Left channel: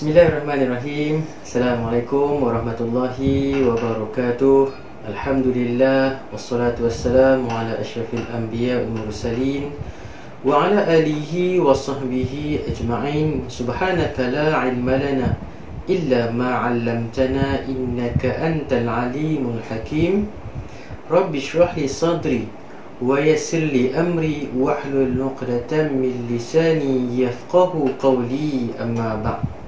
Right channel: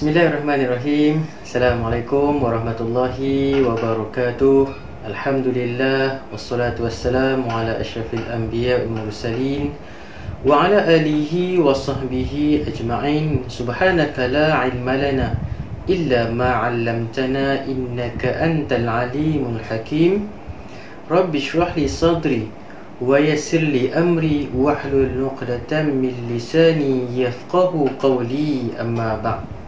Bismillahirrahmanirrahim. Assalamualaikum warahmatullahi wabarakatuh. Alhamdulillah wassalatu wassalamu ala asyrafil anbiya wal mursalin wa ala alihi wa sahbihi ajma'in. Subhanaka la ilma lana illa ma 'allamtana innaka antal alimul hakim. Rabbi shrah li sadri wa yassir li amri wahlul 'uqdatam min lisani yafqahu qawli, amma ba'd.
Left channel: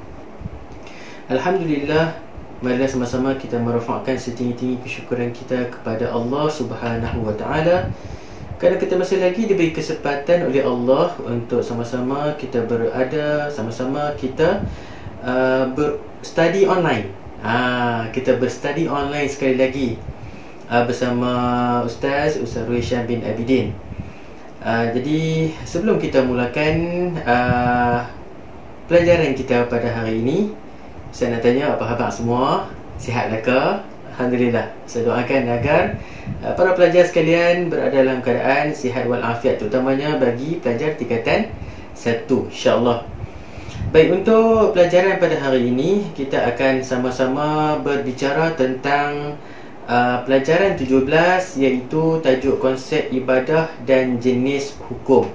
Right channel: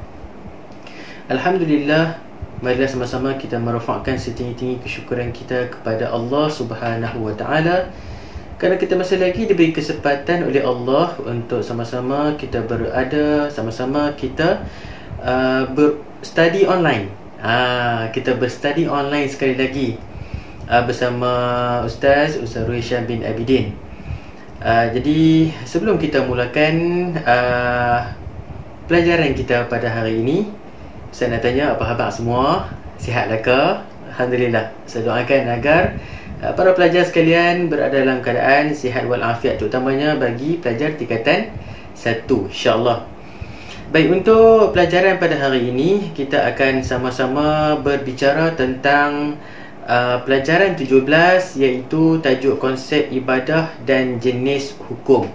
Alhamdulillah, marilah sama-sama kita merafakkan setinggi-tinggi kesyukuran kita kepada Allah Subhanahu wa taala kerana kita masih lagi diberi kesempatan oleh Allah untuk sama-sama kita berada, sama-sama kita berstudy online. Kita berstudy online sekali lagi bersama Ustaz Ruhishan bin Abidin. Jadi sebelum kita mulakan pelajaran kita pada hari ini, saya nak tanya apa khabar semua? Sihatkah ke? Alhamdulillah. Saya doakan agar para pelajar sekalian berada dalam keadaan sihat walafiat, terutamanya bagi pelajar tingkatan 1, insya-Allah. Baik, untuk pelajaran pada hari ini kita akan sama-sama berbicara tentang pelajaran 17, iaitu tajuk konsep ibadah dan jenis hukum.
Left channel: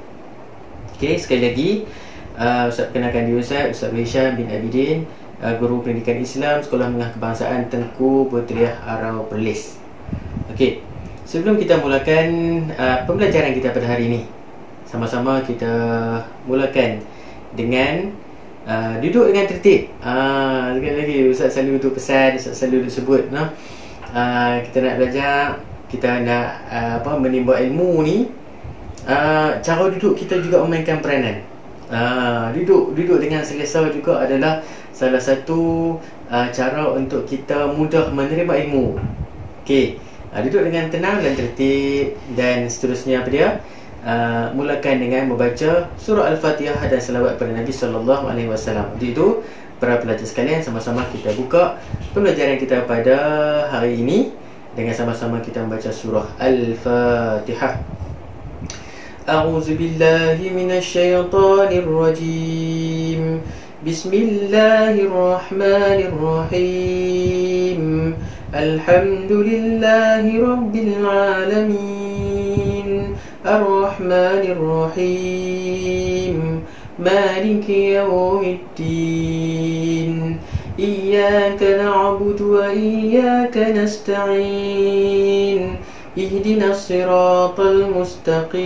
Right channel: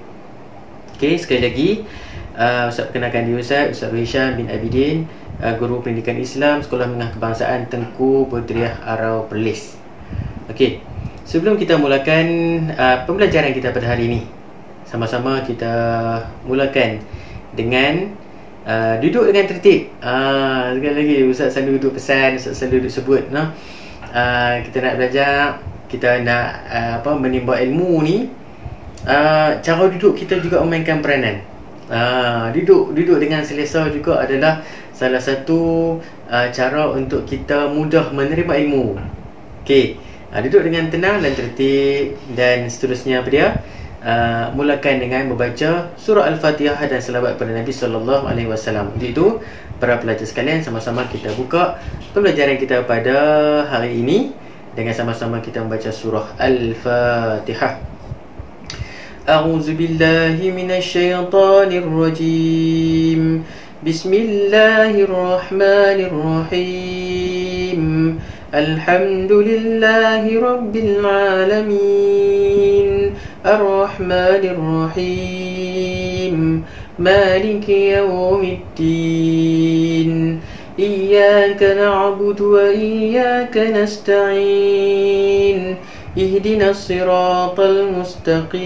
Okey, sekali lagi Ustaz perkenalkan diri Ustaz Ruhishan bin Abidin, Guru Pendidikan Islam, Sekolah Menengah Kebangsaan Tengku Berhudriah Arau Perlis. Okey, sebelum kita mulakan pembelajaran kita pada hari ini, sama-sama kita mulakan dengan duduk dengan tertib. Sekali lagi Ustaz selalu duduk pesan, Ustaz selalu duduk sebut, no? Kita nak belajar, kita nak menimba ilmu ni, cara duduk kita juga memainkan peranan. Duduk dengan selesa juga adalah salah satu cara untuk kita mudah menerima ilmu. Okey, duduk dengan tenang dan tertib, dan seterusnya apa dia? Mulakan dengan membaca surah Al-Fatihah dan selawat kepada Nabi sallallahu alaihi wasallam. Untuk itu, para pelajar sekalian, sama-sama kita buka pembelajaran kita pada hari ini dengan sama-sama kita membaca surah Al-Fatihah. A'udzu billahi minasyaitonir rajim. Bismillahirrahmanirrahim. Alhamdulillahi rabbil alamin. Ar-Rahmanir Rahim. Maliki yaumiddin. Iyyaka na'budu wa iyyaka nasta'in. Ihdinas siratal mustaqim.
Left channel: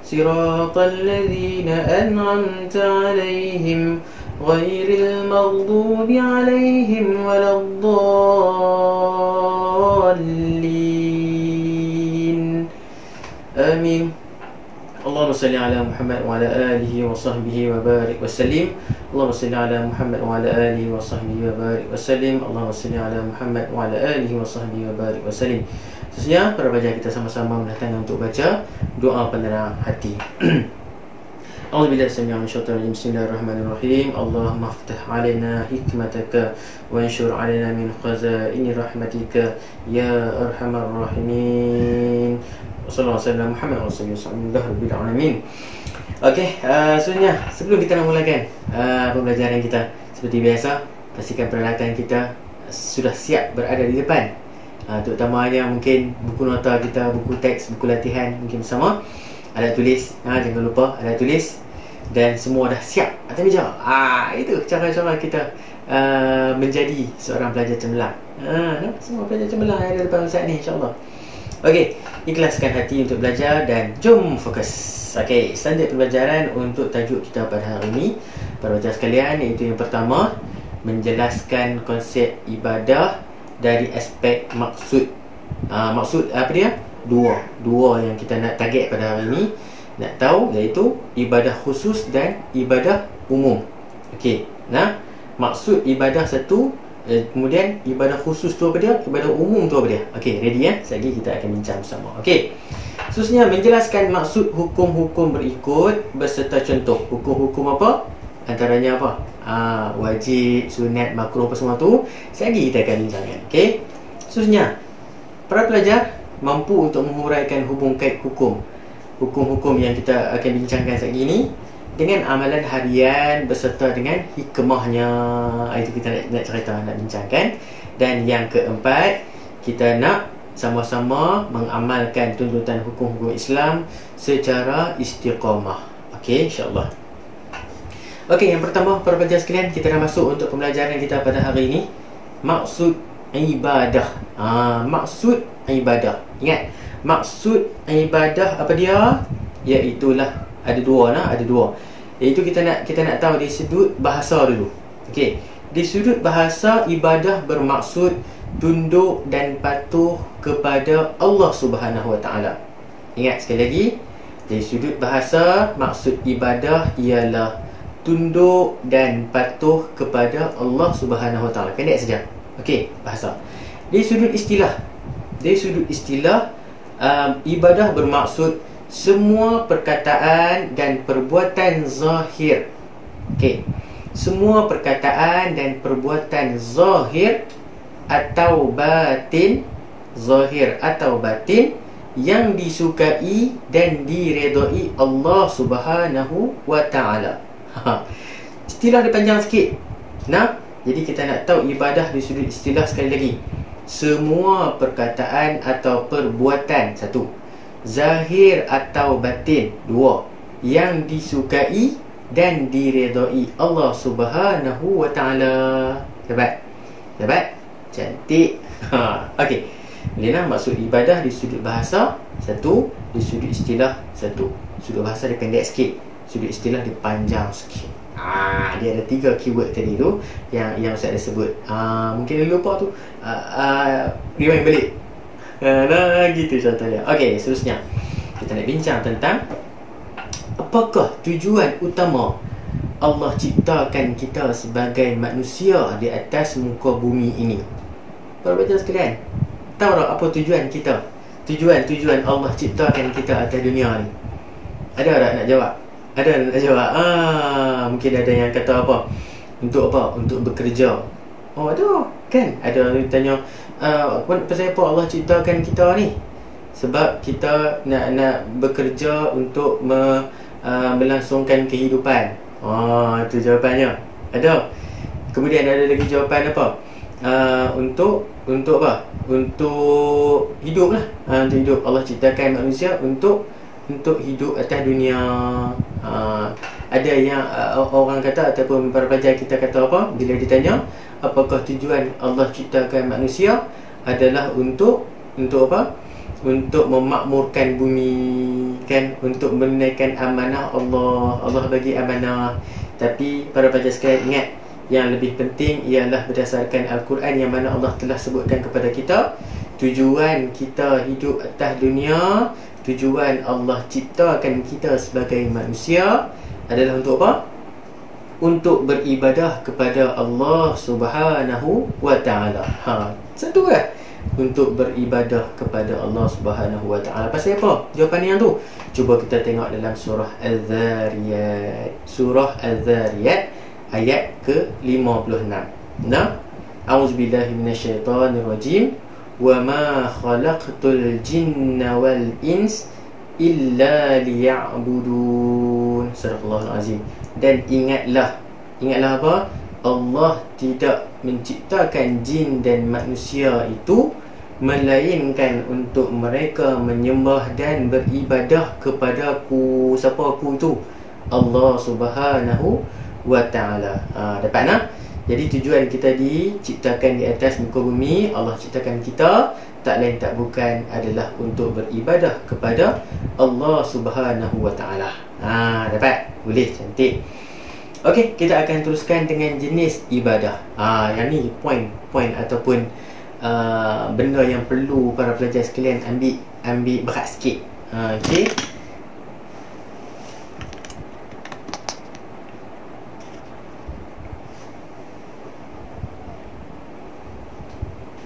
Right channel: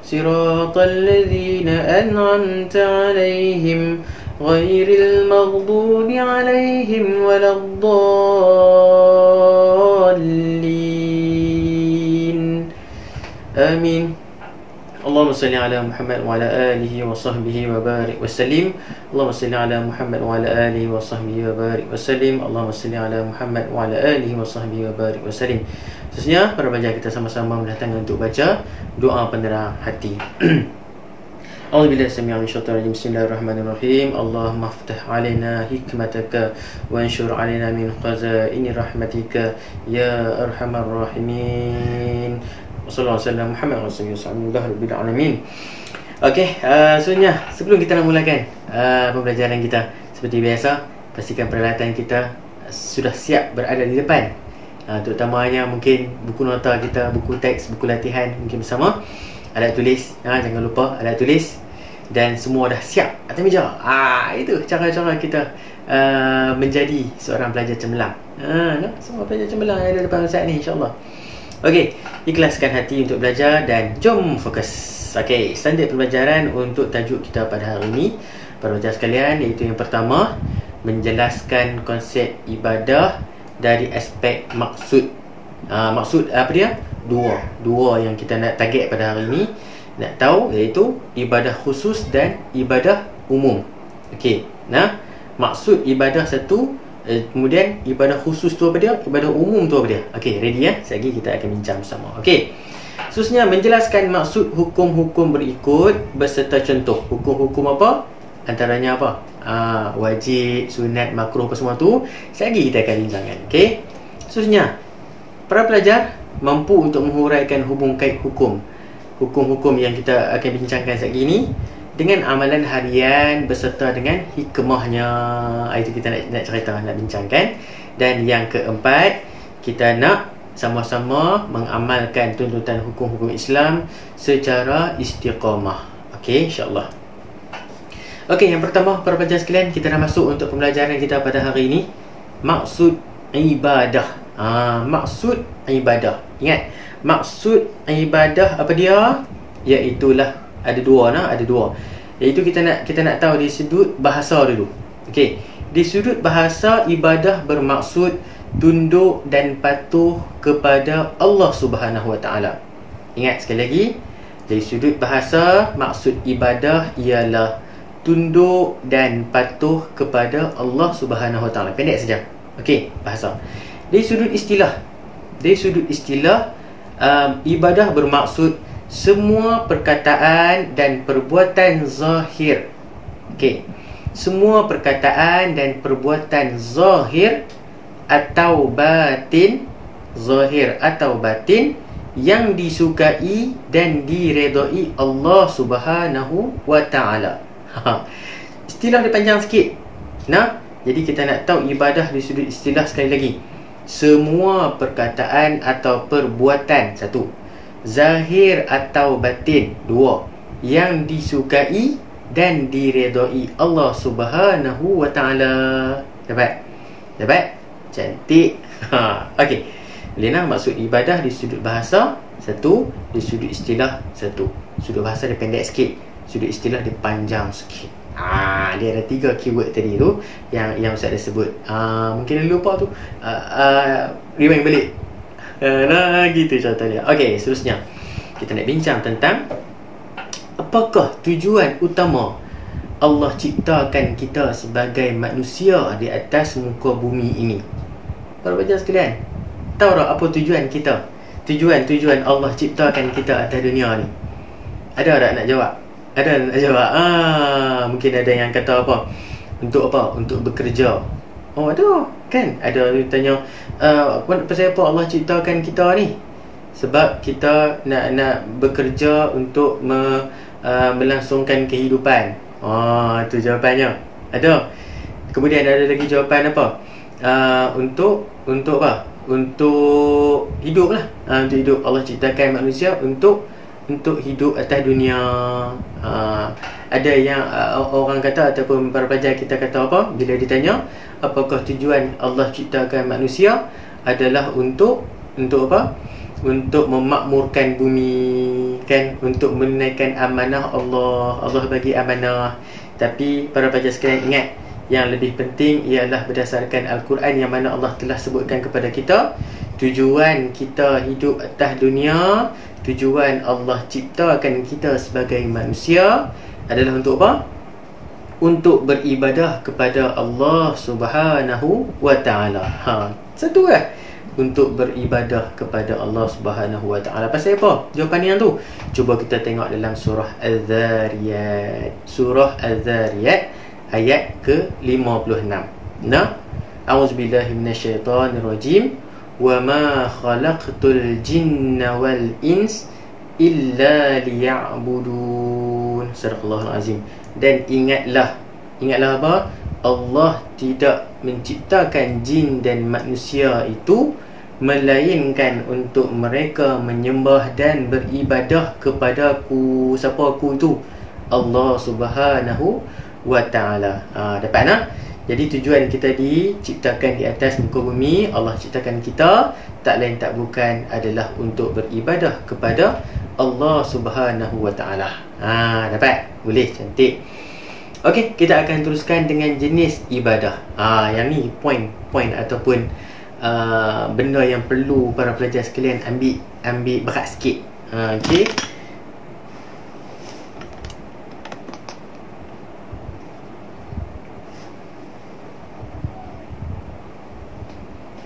Siratal ladzina an'amta 'alaihim ghairil maghdubi 'alaihim waladdallin. Amin. Allahumma salli ala Muhammad wa ala alihi wa sahbihi wa barik wa sallim. Allahumma salli ala Muhammad wa ala alihi wa sahbihi wa barik wa sallim. Allahumma salli ala Muhammad wa ala alihi wa sahbihi wa barik wa sallim. Seterusnya, para pelajar kita sama-sama mendatangkan untuk baca doa penerang hati. A'udzubillahi minasyaitonir rajim. Bismillahirrahmanirrahim. Allahumma iftah 'alaina hikmataka wa anshur 'alaina min khazaini rahmatika ya arhamar rahimin. Wassallallahu alaihi wasallam Muhammad rasulullah rabbil alamin. Okey, sebenarnya sebelum kita nak mulakan pembelajaran kita, seperti biasa, pastikan peralatan kita sudah siap berada di depan. Terutamanya mungkin buku nota kita, buku teks, buku latihan mungkin bersama, alat tulis, jangan lupa alat tulis, dan semua dah siap atas meja. Itu cara-cara kita menjadi seorang pelajar cemerlang. Semua pelajar cemerlang yang ada depan Ustaz ni, insya-Allah. Okey, ikhlaskan hati untuk belajar dan jom fokus. Okey, standard pembelajaran untuk tajuk kita pada hari ini, para pelajar sekalian, iaitu yang pertama, menjelaskan konsep ibadah dari aspek maksud. Maksud apa dia? Dua yang kita nak target pada hari ini, nak tahu, iaitu ibadah khusus dan ibadah umum. Okey, maksud ibadah satu, kemudian ibadah khusus tu apa dia, ibadah umum tu apa dia. Okey, ready ya? Sekejap lagi kita akan bincang bersama. Okey, khususnya menjelaskan maksud hukum-hukum berikut beserta contoh. Hukum-hukum apa? Antaranya apa? Wajib, sunat, makruh, apa semua tu sekejap lagi kita akan bincangkan. Okey, khususnya para pelajar mampu untuk menghuraikan hubung kait hukum-hukum yang kita akan bincangkan sekejap lagi ni, dengan amalan harian beserta dengan hikmahnya. Itu kita nak cerita, nak bincangkan. Dan yang keempat, kita nak sama-sama mengamalkan tuntutan hukum-hukum Islam secara istiqamah. Okey, insya-Allah. Okey, yang pertama para pelajar sekalian, kita dah masuk untuk pembelajaran kita pada hari ini. Maksud ibadah. Maksud ibadah. Ingat, maksud ibadah apa dia? Iaitulah ada dua. Iaitu kita nak tahu di sudut bahasa dulu. Okey, di sudut bahasa, ibadah bermaksud tunduk dan patuh kepada Allah Subhanahu Wa Taala. Ingat sekali lagi, dari sudut bahasa, maksud ibadah ialah tunduk dan patuh kepada Allah Subhanahu Wa Taala. Pendek saja. Okey, bahasa. Dari sudut istilah, ibadah bermaksud semua perkataan dan perbuatan zahir. Okey, semua perkataan dan perbuatan zahir atau batin, zahir atau batin, yang disukai dan diredai Allah Subhanahu Wa Taala. Istilah dia panjang sikit. Nah, jadi kita nak tahu ibadah di sudut istilah sekali lagi. Semua perkataan atau perbuatan, satu. Zahir atau batin, dua. Yang disukai dan diredai Allah Subhanahu Wa Taala. Dapat? Cantik. Okey. Lena, maksud ibadah di sudut bahasa satu, di sudut istilah satu. Sudut bahasa dia pendek sikit, sudut istilah dia panjang sikit. Dia ada 3 keyword tadi tu yang Ustaz dah sebut. Mungkin dah lupa tu. Rewind balik. Gitu contoh dia. Okey, seterusnya kita nak bincang tentang apakah tujuan utama Allah ciptakan kita sebagai manusia di atas muka bumi ini. Para pelajar sekalian, tahu tak apa tujuan kita? Tujuan Allah ciptakan kita atas dunia ni. Ada tak nak jawab? Ada nak jawab? Mungkin ada yang kata apa? Untuk apa? Untuk bekerja. Oh, ada kan? Ada yang tanya, pasal apa Allah ciptakan kita ni? Sebab kita nak bekerja untuk melangsungkan kehidupan. Itu jawapannya. Ada. Kemudian ada lagi jawapan apa? Untuk apa? Untuk hidup lah. Untuk hidup. Allah ciptakan manusia untuk hidup atas dunia. Ada yang orang kata, ataupun para pelajar kita kata apa, bila ditanya apakah tujuan Allah ciptakan manusia, adalah untuk apa? Untuk memakmurkan bumi, kan? Untuk menunaikan amanah Allah. Allah bagi amanah. Tapi para pelajar sekalian ingat, yang lebih penting ialah berdasarkan Al-Quran, yang mana Allah telah sebutkan kepada kita, tujuan kita hidup atas dunia, tujuan Allah ciptakan kita sebagai manusia adalah untuk apa? Untuk beribadah kepada Allah Subhanahu Wa Taala. Satu lah. Untuk beribadah kepada Allah Subhanahu Wa Taala. Pasal apa jawapan yang tu? Cuba kita tengok dalam surah Al-Dhariyat. Surah Al-Dhariyat ayat ke-56. A'udzubillahi minasyaitonirrajim. Wa ma khalaqtul jinna wal ins illa liya'budun. Sadaqallahul azim. Dan ingatlah apa? Allah tidak menciptakan jin dan manusia itu melainkan untuk mereka menyembah dan beribadah kepadaku. Siapa aku itu? Allah Subhanahu Wa Ta'ala. Dapat nak? Jadi tujuan kita diciptakan di atas muka bumi, Allah ciptakan kita tak lain tak bukan adalah untuk beribadah kepada Allah Subhanahu Wa Ta'ala. Dapat? Boleh, cantik. Okey, kita akan teruskan dengan jenis ibadah. Yang ni point ataupun benda yang perlu para pelajar sekalian ambil berat sikit. Okey.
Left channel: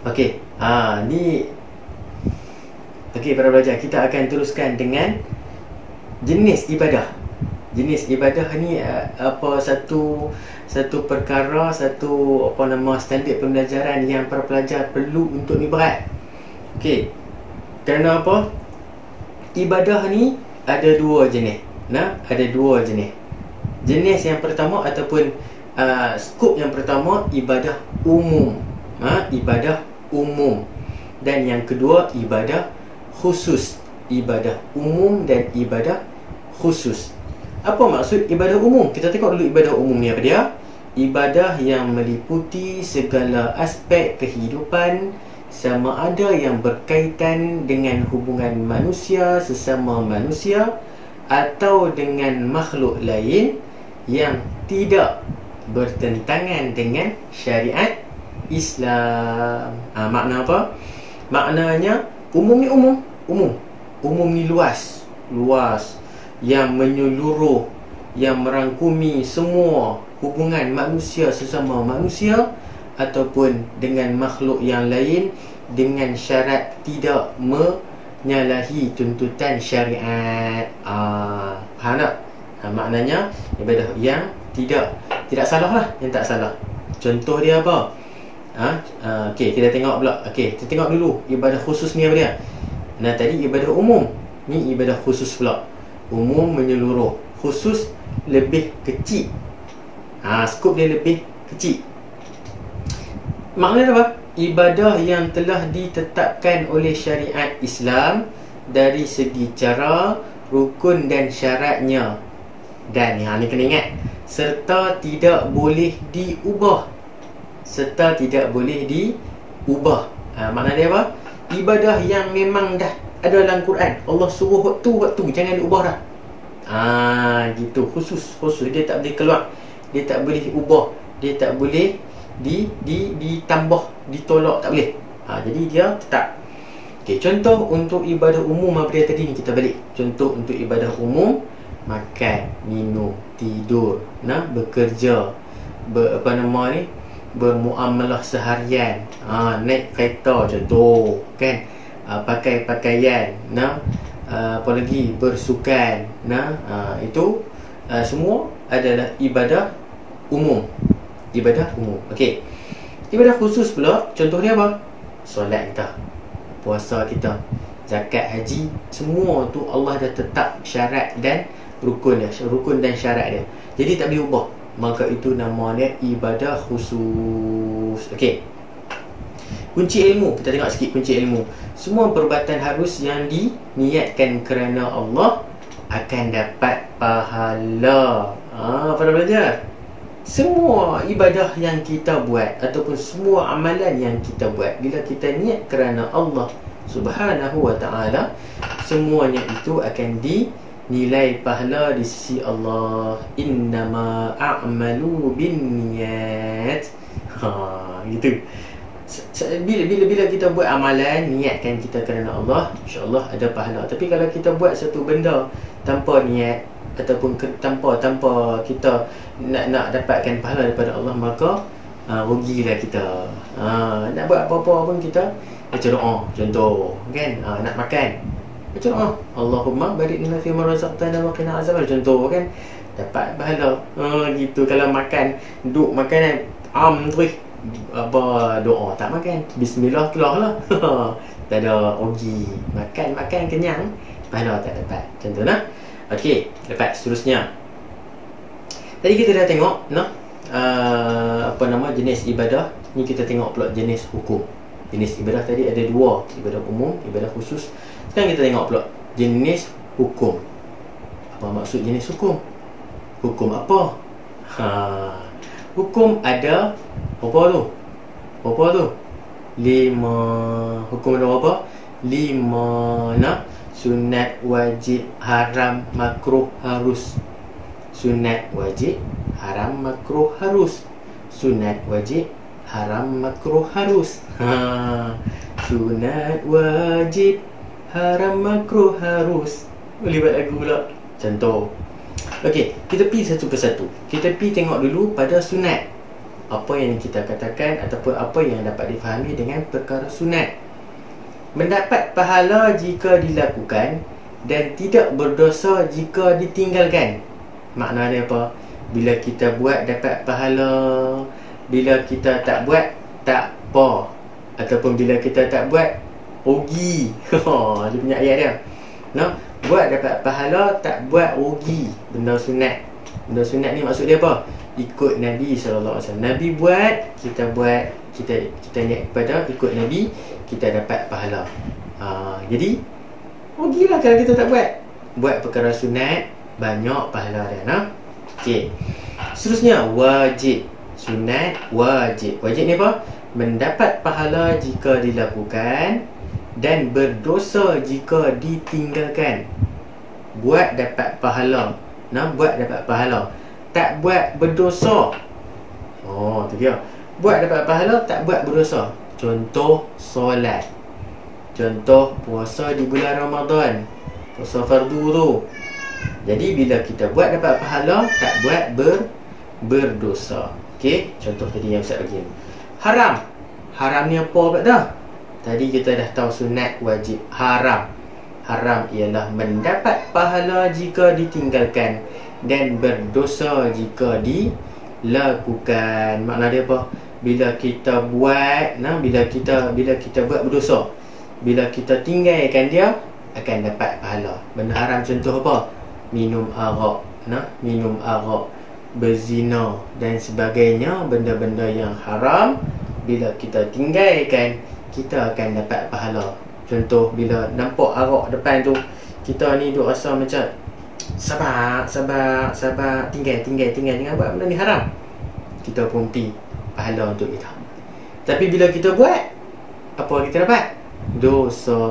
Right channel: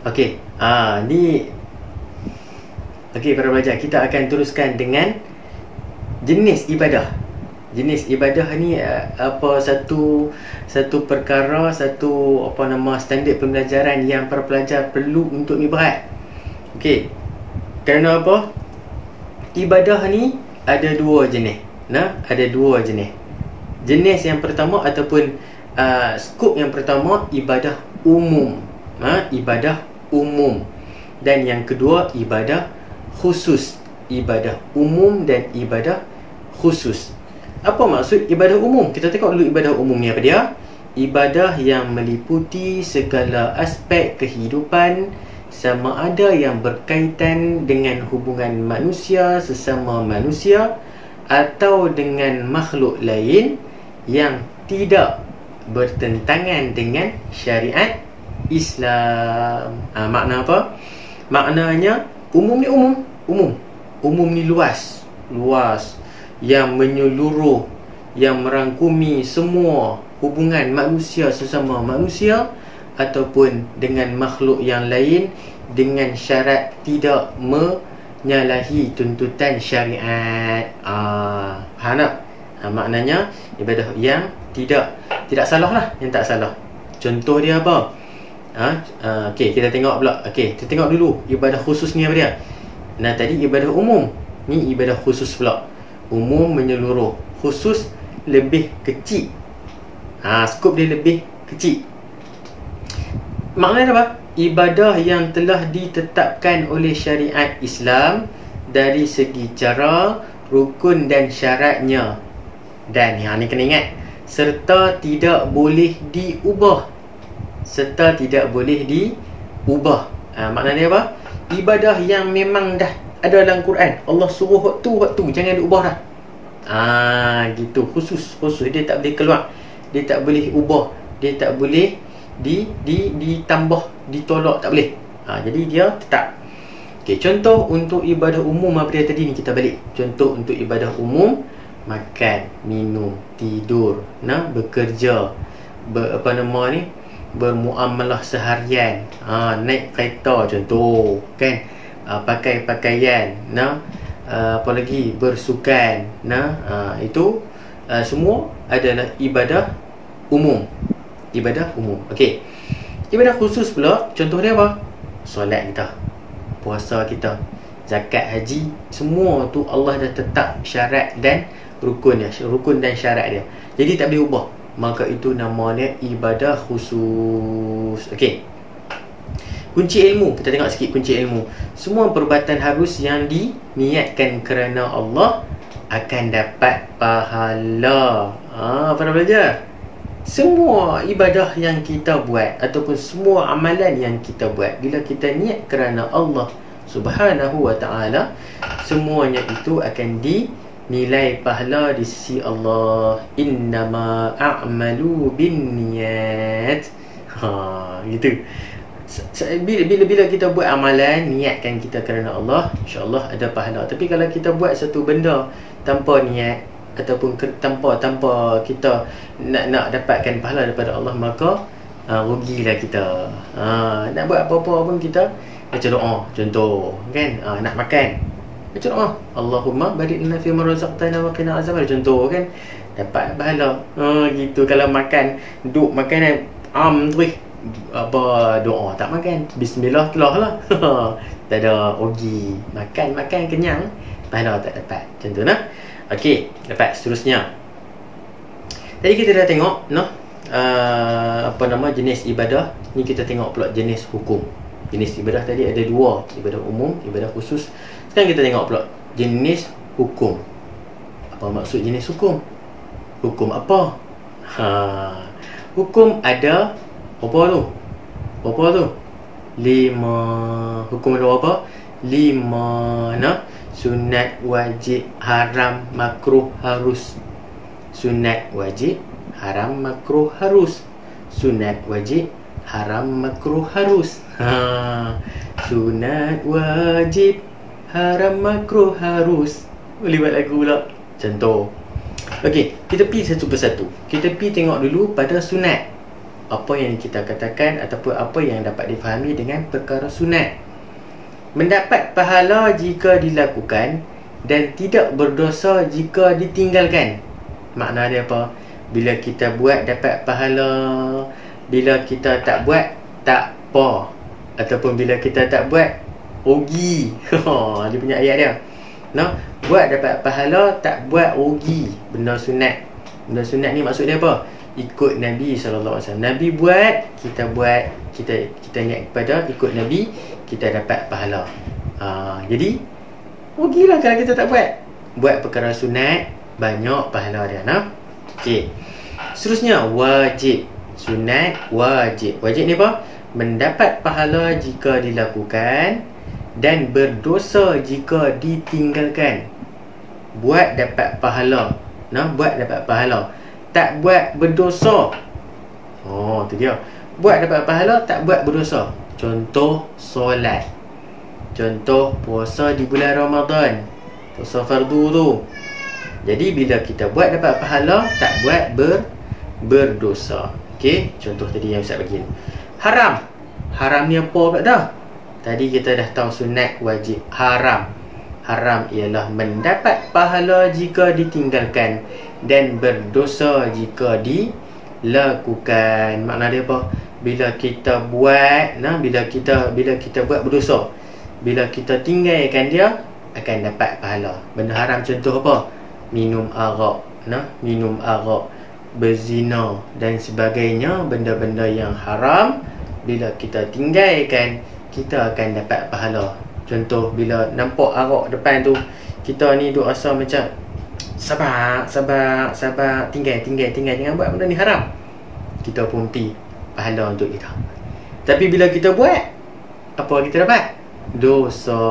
Okey, ni okey para pelajar, kita akan teruskan dengan jenis ibadah. Jenis ibadah ni apa satu perkara, satu apa nama standard pembelajaran yang para pelajar perlu untuk ni berat. Okey. Kerana apa? Ibadah ni ada dua jenis. Ada dua jenis. Jenis yang pertama ataupun skop yang pertama, ibadah umum. Ibadah umum. Dan yang kedua, ibadah khusus. Ibadah umum dan ibadah khusus. Apa maksud ibadah umum? Kita tengok dulu ibadah umum ni apa dia. Ibadah yang meliputi segala aspek kehidupan, sama ada yang berkaitan dengan hubungan manusia sesama manusia atau dengan makhluk lain yang tidak bertentangan dengan syariat Islam. Makna apa? Maknanya umum ni umum. Umum ni luas, yang menyeluruh, yang merangkumi semua hubungan manusia sesama manusia ataupun dengan makhluk yang lain, dengan syarat tidak menyalahi tuntutan syariat. Faham tak? Maknanya ibadah yang tidak salah lah, yang tak salah. Contoh dia apa? Okey, kita tengok pula. Okey, kita tengok dulu ibadah khusus ni apa dia. Nah, tadi ibadah umum, ni ibadah khusus pula. Umum menyeluruh, khusus lebih kecil. Skop dia lebih kecil. Maknanya apa? Ibadah yang telah ditetapkan oleh syariat Islam dari segi cara, rukun dan syaratnya. Dan ni kena ingat, serta tidak boleh diubah. Makna dia apa? Ibadah yang memang dah ada dalam Quran, Allah suruh waktu, jangan diubah dah. Gitu, khusus. Dia tak boleh keluar, dia tak boleh ubah, dia tak boleh ditambah, ditolak, tak boleh. Jadi dia tetap. Okey, contoh untuk ibadah umum apa dia tadi ni, kita balik. Contoh untuk ibadah umum, makan, minum, tidur, bekerja, bermuamalah seharian, naik kereta contoh kan, pakai pakaian, apa lagi, bersukan, itu semua adalah ibadah umum. Okey, ibadah khusus pula, contoh dia apa? Solat kita, puasa kita, zakat, haji, semua tu Allah dah tetap syarat dan rukun dan syarat dia. Jadi tak boleh ubah. Maka itu namanya ibadah khusus. Okey, kunci ilmu, kita tengok sikit kunci ilmu. Semua perbuatan harus yang diniatkan kerana Allah akan dapat pahala. Pada belajar, semua ibadah yang kita buat ataupun semua amalan yang kita buat, bila kita niat kerana Allah Subhanahu wa ta'ala, semuanya itu akan nilai pahala di sisi Allah. Innama a'malu binniyat. Gitu. Bila kita buat amalan, niatkan kita kerana Allah, insya-Allah ada pahala. Tapi kalau kita buat satu benda tanpa niat ataupun tanpa kita nak dapatkan pahala daripada Allah, maka rugilah kita. Nak buat apa-apa pun kita baca doa, contoh kan, nak makan, baca doa, Allahumma barik lana fi ma razaqtana wa qina azaban, contoh kan, dapat pahala. Gitu. Kalau makan, duk makan apa doa, tak makan, bismillah telah lah. Tak ada rugi. Makan kenyang, pahala tak dapat. Contoh nah. Okey, dapat seterusnya. Tadi kita dah tengok jenis ibadah. Ni kita tengok pula jenis hukum. Jenis ibadah tadi ada dua, ibadah umum, ibadah khusus. Sekarang kita tengok pula jenis hukum. Apa maksud jenis hukum? Hukum apa? Hukum ada berapa tu? 5. Hukum ada berapa? 5. Sunat, wajib, haram, makruh, harus. Sunat, wajib, haram, makruh, harus. Sunat, wajib, haram, makruh, harus. Sunat, wajib, haram, makruh, harus. Boleh buat lagu pula. Contoh. Okey, kita pergi satu persatu. Kita pergi tengok dulu pada sunat. Apa yang kita katakan ataupun apa yang dapat difahami dengan perkara sunat. Mendapat pahala jika dilakukan dan tidak berdosa jika ditinggalkan. Makna dia apa? Bila kita buat dapat pahala, bila kita tak buat tak apa, ataupun bila kita tak buat rugi. Dia punya ayat dia. Buat dapat pahala, tak buat rugi. Benda sunat. Benda sunat ni maksud dia apa? Ikut Nabi SAW. Nabi buat, kita buat, kita niat kepada ikut Nabi, kita dapat pahala. Jadi rugilah kalau kita tak buat. Buat perkara sunat, banyak pahala dia. Okey. Seterusnya, wajib. Sunat, wajib. Wajib ni apa? Mendapat pahala jika dilakukan dan berdosa jika ditinggalkan. Buat dapat pahala. Buat dapat pahala. Tak buat berdosa. Tu dia. Buat dapat pahala, tak buat berdosa. Contoh solat. Contoh puasa di bulan Ramadan. Puasa fardu tu. Jadi bila kita buat dapat pahala, tak buat berdosa. Okey, contoh tadi yang Ustaz bagi. Haram. Haram ni apa pula dah? Tadi kita dah tahu sunat, wajib. Haram. Haram ialah mendapat pahala jika ditinggalkan dan berdosa jika dilakukan. Makna dia apa? Bila kita buat, bila kita buat berdosa. Bila kita tinggalkan dia, akan dapat pahala. Benda haram contoh apa? Minum arak, minum arak, berzina dan sebagainya. Benda-benda yang haram, bila kita tinggalkan, kita akan dapat pahala. Contoh, bila nampak arak depan tu, kita ni duk rasa macam sabar, tinggal, jangan buat benda ni haram. Kita pun pergi pahala untuk kita. Tapi bila kita buat, apa kita dapat? Dosa.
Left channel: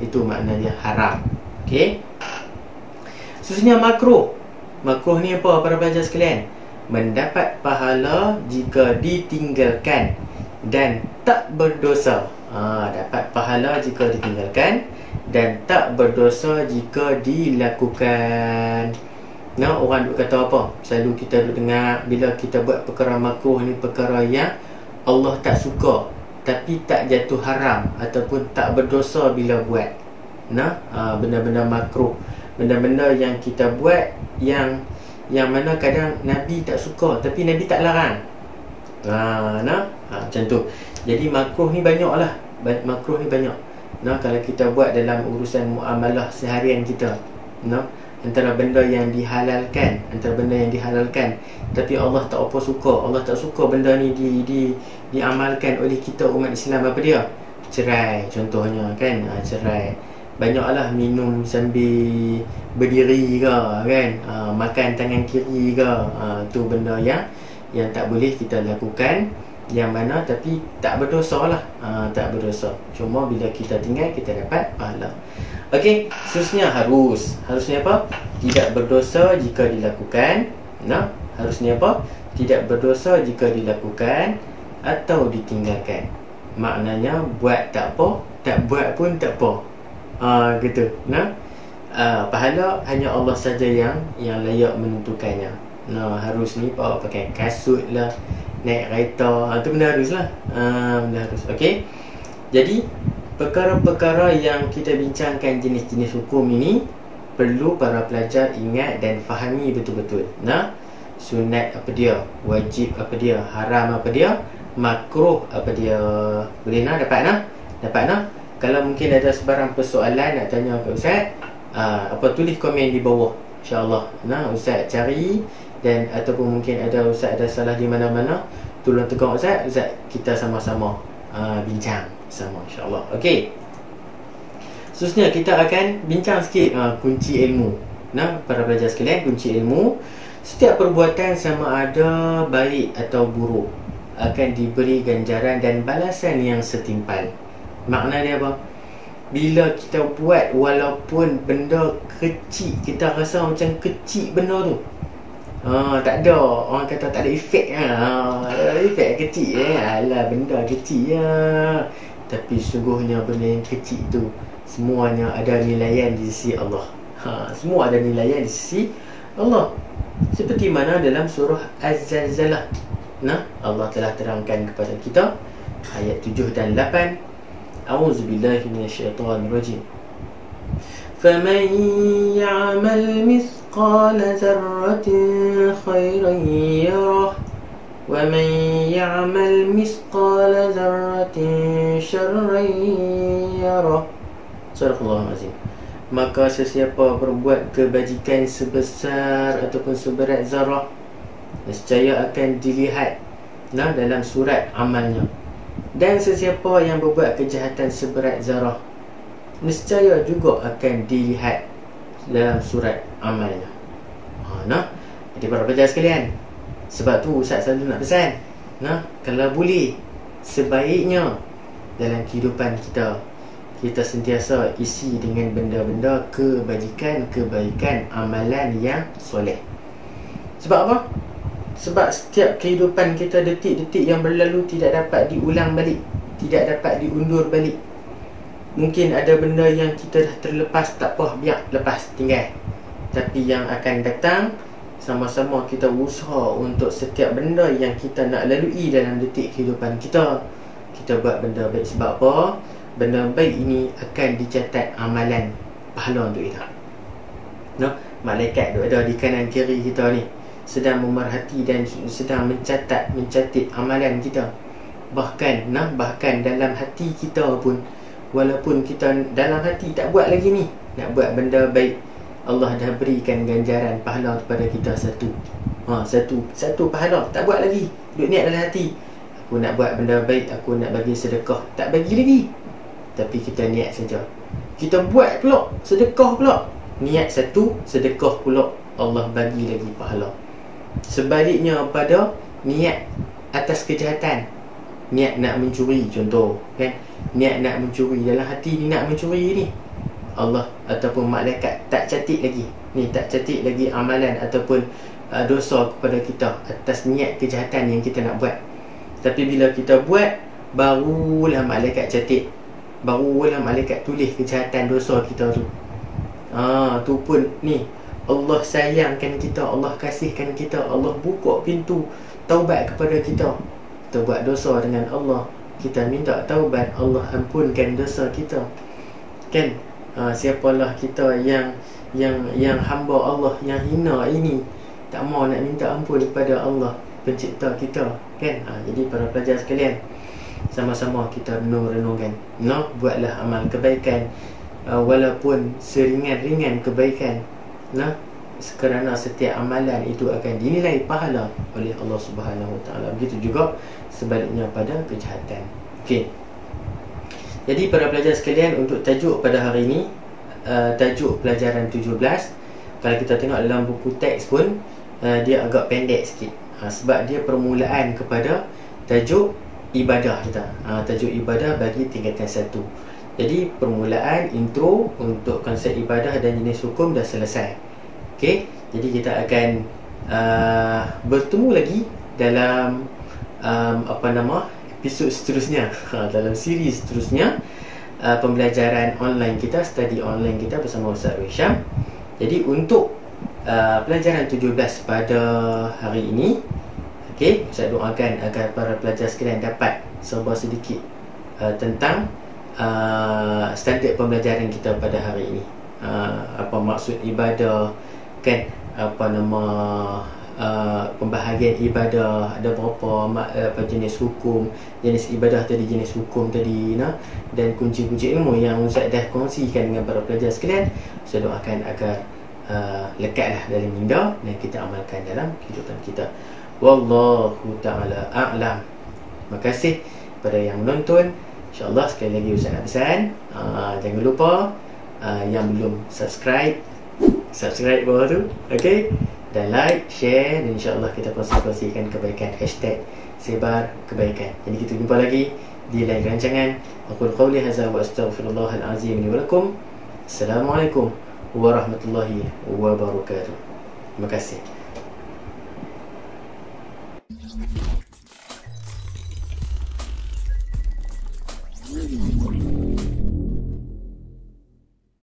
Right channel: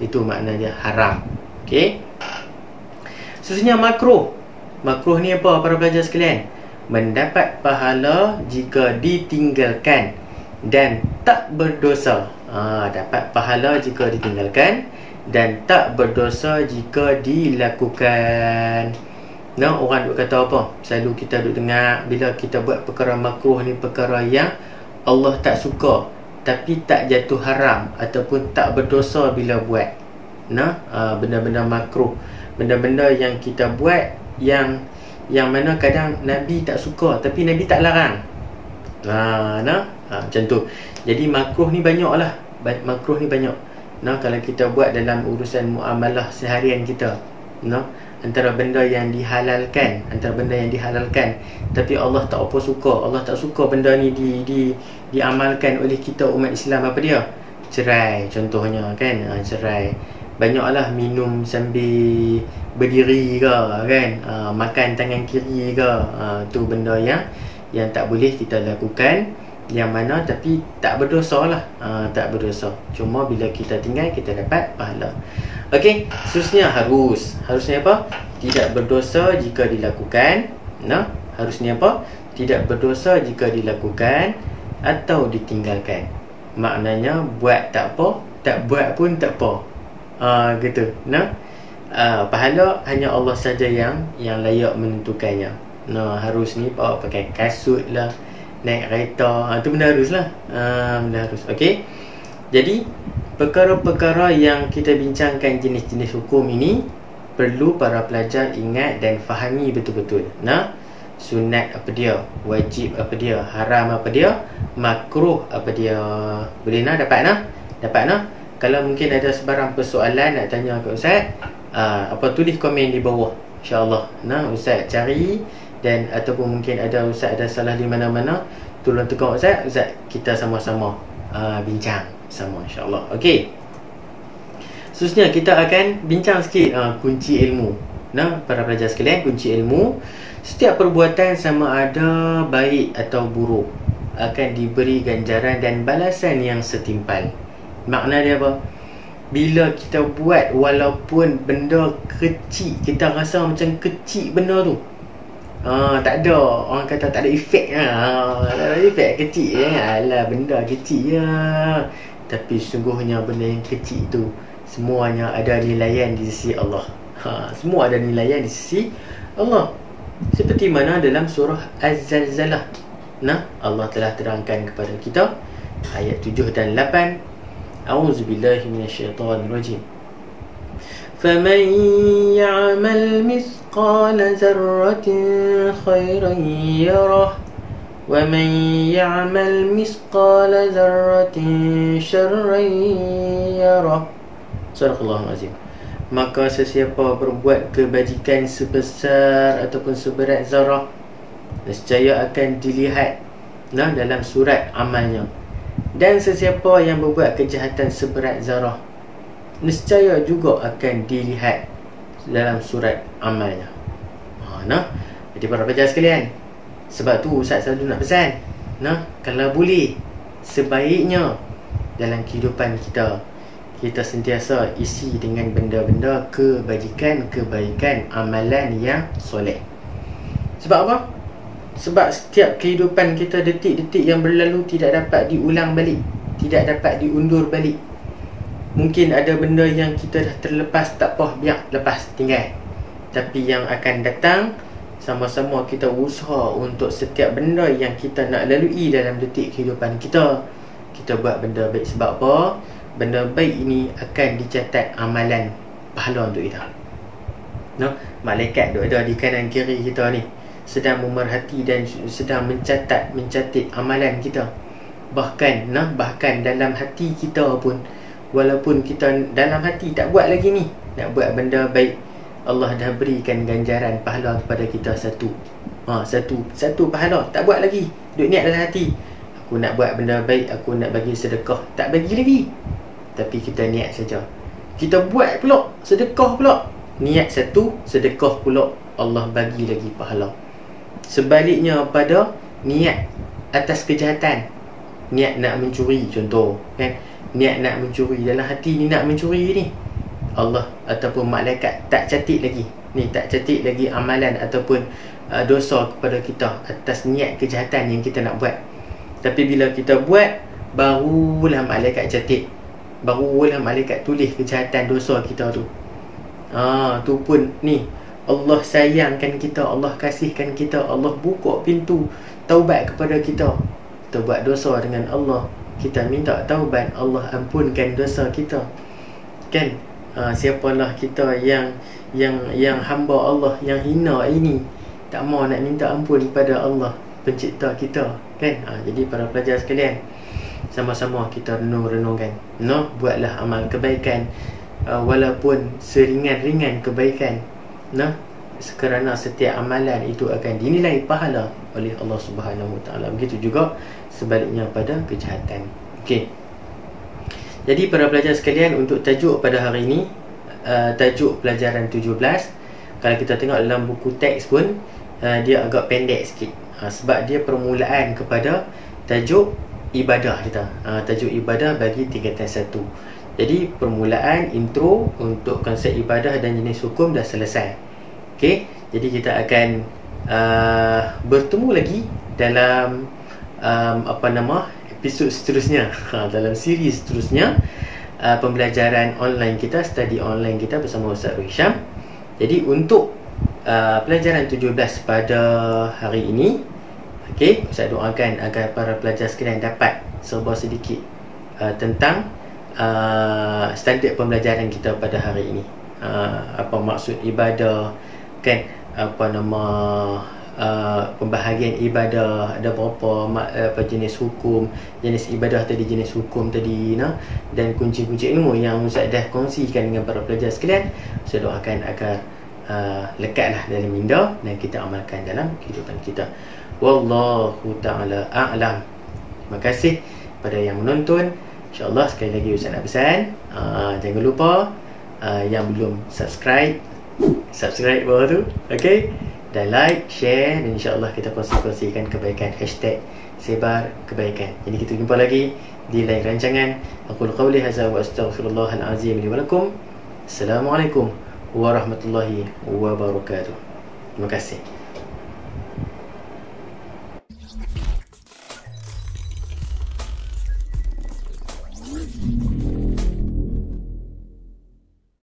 Itu maknanya haram. Okey. Seterusnya makruh. Makruh ni apa para pelajar sekalian? Mendapat pahala jika ditinggalkan dan tak berdosa. Dapat pahala jika ditinggalkan dan tak berdosa jika dilakukan. Orang duk kata apa? Selalu kita duk dengar, bila kita buat perkara makruh ni, perkara yang Allah tak suka tapi tak jatuh haram ataupun tak berdosa bila buat. Benda-benda makruh, benda-benda yang kita buat yang mana kadang Nabi tak suka tapi Nabi tak larang. Macam tu. Jadi makruh ni banyak lah. Makruh ni banyak. Kalau kita buat dalam urusan muamalah seharian kita, antara benda yang dihalalkan, tapi Allah tak apa suka. Allah tak suka benda ni diamalkan oleh kita umat Islam. Apa dia? Cerai contohnya, kan? Cerai. Banyaklah minum sambil berdiri ke, kan? Makan tangan kiri ke. Tu benda yang tak boleh kita lakukan, yang mana tapi tak berdosa lah. Tak berdosa. Cuma bila kita tinggal, kita dapat pahala. Okey, seterusnya harusnya apa? Tidak berdosa jika dilakukan. Harusnya apa? Tidak berdosa jika dilakukan atau ditinggalkan. Maknanya buat tak apa, tak buat pun tak apa. Gitu. Pahala hanya Allah saja yang layak menentukannya. Harus ni pakai kasut lah, naik kereta, tu benda harus lah. Benda harus. Okey. Jadi perkara-perkara yang kita bincangkan, jenis-jenis hukum ini, perlu para pelajar ingat dan fahami betul-betul. Sunat apa dia, wajib apa dia, haram apa dia, makruh apa dia. Boleh dapat Kalau mungkin ada sebarang persoalan nak tanya ke Ustaz, tulis komen di bawah, insya-Allah. Ustaz cari, dan ataupun mungkin ada Ustaz ada salah di mana-mana, tolong tegur Ustaz, kita sama-sama bincang sama, insya-Allah. Okey. Seterusnya kita akan bincang sikit kunci ilmu. Para pelajar sekalian, kunci ilmu, setiap perbuatan sama ada baik atau buruk akan diberi ganjaran dan balasan yang setimpal. Makna dia apa? Bila kita buat, walaupun benda kecil, kita rasa macam kecil benda tu, tak ada, orang kata tak ada efek. Tak ada efek kecil. Alah, benda kecil je. Tapi sungguhnya benda yang kecil tu semuanya ada nilaian di sisi Allah. Semua ada nilaian di sisi Allah. Seperti mana dalam surah Az-Zalzalah, Allah telah terangkan kepada kita ayat 7 dan 8. A'udzubillahi minasyaitonirrajim. فَمَنْ يَعْمَلْ مِثْقَالَ ذَرَّةٍ خَيْرًا يَرَهُ وَمَنْ يَعْمَلْ مِثْقَالَ ذَرَّةٍ شَرًّا يَرَهُ. Sadaqallahul azim. maka sesiapa berbuat kebajikan sebesar ataupun seberat zarah, nescaya akan dilihat dalam surat amalnya. Dan sesiapa yang berbuat kejahatan seberat zarah, nescaya juga akan dilihat dalam surat amalnya. Jadi para pelajar sekalian, sebab tu Ustaz selalu nak pesan, kalau boleh, sebaiknya dalam kehidupan kita, kita sentiasa isi dengan benda-benda kebajikan, kebaikan, amalan yang soleh. Sebab apa? Sebab setiap kehidupan kita, detik-detik yang berlalu tidak dapat diulang balik, tidak dapat diundur balik. Mungkin ada benda yang kita dah terlepas, tak apa, biar lepas, tinggal. Tapi yang akan datang, sama-sama kita usaha untuk setiap benda yang kita nak lalui dalam detik kehidupan kita, kita buat benda baik. Sebab apa? Benda baik ini akan dicatat amalan pahala untuk kita. Malaikat duk ada di kanan kiri kita ni, sedang memerhati dan sedang mencatat amalan kita. Bahkan dalam hati kita pun, walaupun kita dalam hati tak buat lagi ni, nak buat benda baik, Allah dah berikan ganjaran pahala kepada kita satu pahala. Tak buat lagi, duk niat dalam hati, aku nak buat benda baik, aku nak bagi sedekah, tak bagi lagi, tapi kita niat saja. Kita buat pula, sedekah pula, niat satu, sedekah pula, Allah bagi lagi pahala. Sebaliknya pada niat atas kejahatan, niat nak mencuri contoh, kan, niat nak mencuri, dalam hati ni nak mencuri ni, Allah ataupun malaikat tak catat lagi amalan ataupun dosa kepada kita atas niat kejahatan yang kita nak buat. Tapi bila kita buat, barulah malaikat catat, barulah malaikat tulis kejahatan dosa kita tu. Tu pun ni, Allah sayangkan kita, Allah kasihkan kita, Allah buka pintu taubat kepada kita. Kita buat dosa dengan Allah, kita minta taubat, Allah ampunkan dosa kita, kan? Siapalah kita yang hamba Allah, yang hina ini, tak mau nak minta ampun kepada Allah pencipta kita, kan? Jadi para pelajar sekalian, sama-sama kita renungkan, buatlah amal kebaikan, walaupun seringan-ringan kebaikan, kerana setiap amalan itu akan dinilai pahala oleh Allah Subhanahu Wa Taala. Begitu juga sebaliknya pada kejahatan. Okey. Jadi para pelajar sekalian, untuk tajuk pada hari ini, tajuk pelajaran 17, kalau kita tengok dalam buku teks pun, dia agak pendek sikit, sebab dia permulaan kepada tajuk ibadah kita. Tajuk ibadah bagi tingkatan 1. Jadi permulaan, intro untuk konsep ibadah dan jenis hukum dah selesai. Okey, jadi kita akan bertemu lagi dalam episod seterusnya, dalam siri seterusnya, pembelajaran online kita, study online kita bersama Ustaz Hisham. Jadi untuk pelajaran 17 pada hari ini, okey, saya doakan agar para pelajar sekalian dapat serba sedikit tentang standard pembelajaran kita pada hari ini. Apa maksud ibadah, kan? Pembahagian ibadah, ada berapa jenis hukum, jenis ibadah tadi, jenis hukum tadi, dan kunci-kunci ilmu yang Ustaz dah kongsikan dengan para pelajar sekalian. Saya doakan agar lekatlah dalam minda dan kita amalkan dalam kehidupan kita. Wallahu ta'ala a'lam. Terima kasih kepada yang menonton. InsyaAllah sekali lagi Ustaz nak pesan, jangan lupa yang belum subscribe bawah tu, okey, dan like, share, dan insyaAllah kita kongsikan kebaikan, #sebar kebaikan. Jadi kita jumpa lagi di lain rancangan. Aqul qawli hadza wa astaghfirullahal azim li wa lakum. Assalamualaikum warahmatullahi wabarakatuh. Terima kasih.